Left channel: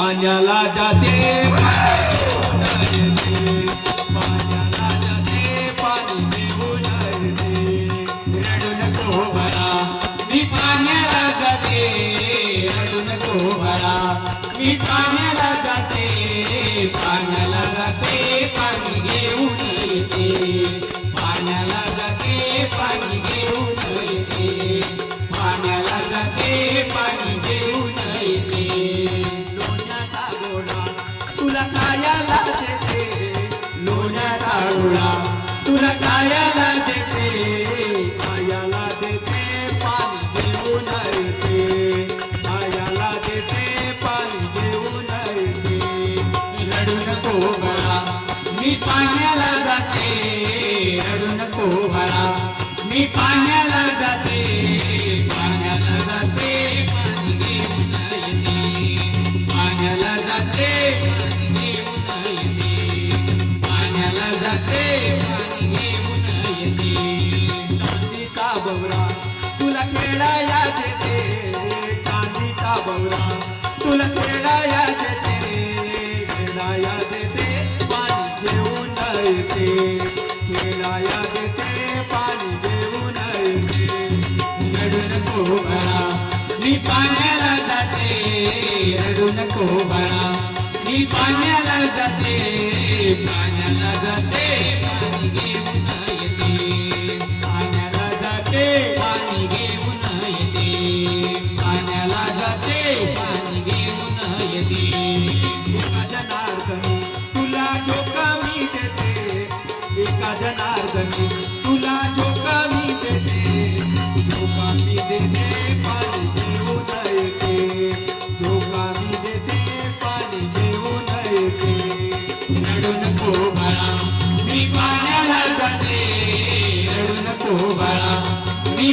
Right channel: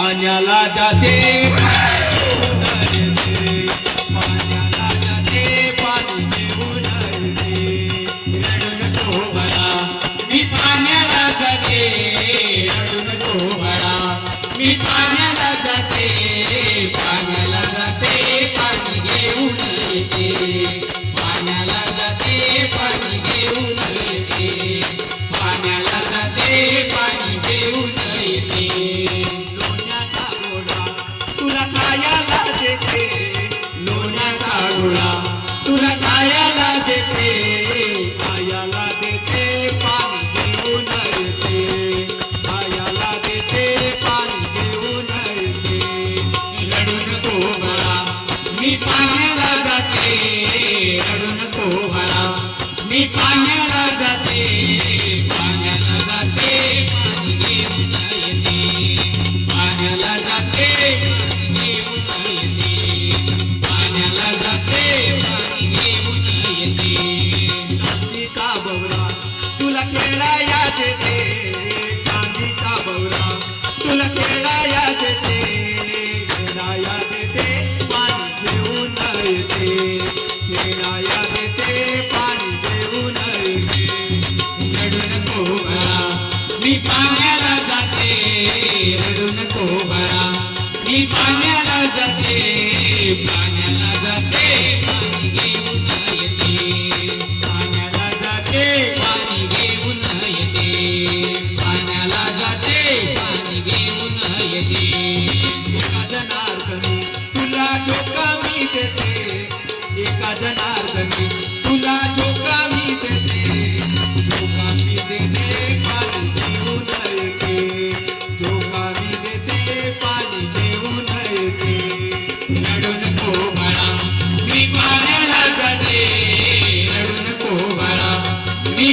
पाण्याला जाते. घेऊन मी पाण्याला जाते मी पाण्याला जाते पाण्याला जाते पाणी घेऊन येते. पाण्याला जाते पाणी घेऊन येते. पाण्याला जाते तुला खायला देते लोण्याचा गोळा तुला कायाला देते खायला देते पाणी घेऊन येते खायला देते पाणी घेऊन येते रडू नको बाळा मी पाण्याला जाते रडू नको बाळा मी पाण्याला जाते पाण्याला जाते मी पाण्याला जाते. रडू नको बाळा मी पाण्याला जाते. जाते. पाणी घेऊन येते एका जनार्दनी तुला झोका मी देते. एका जनार्दनी तुला झोका मी देते. मी देते पाणी घेऊन येते मी देते पाणी घेऊन येते रडू नको बाळा मी पाण्याला जाते. रडू नको बाळा मी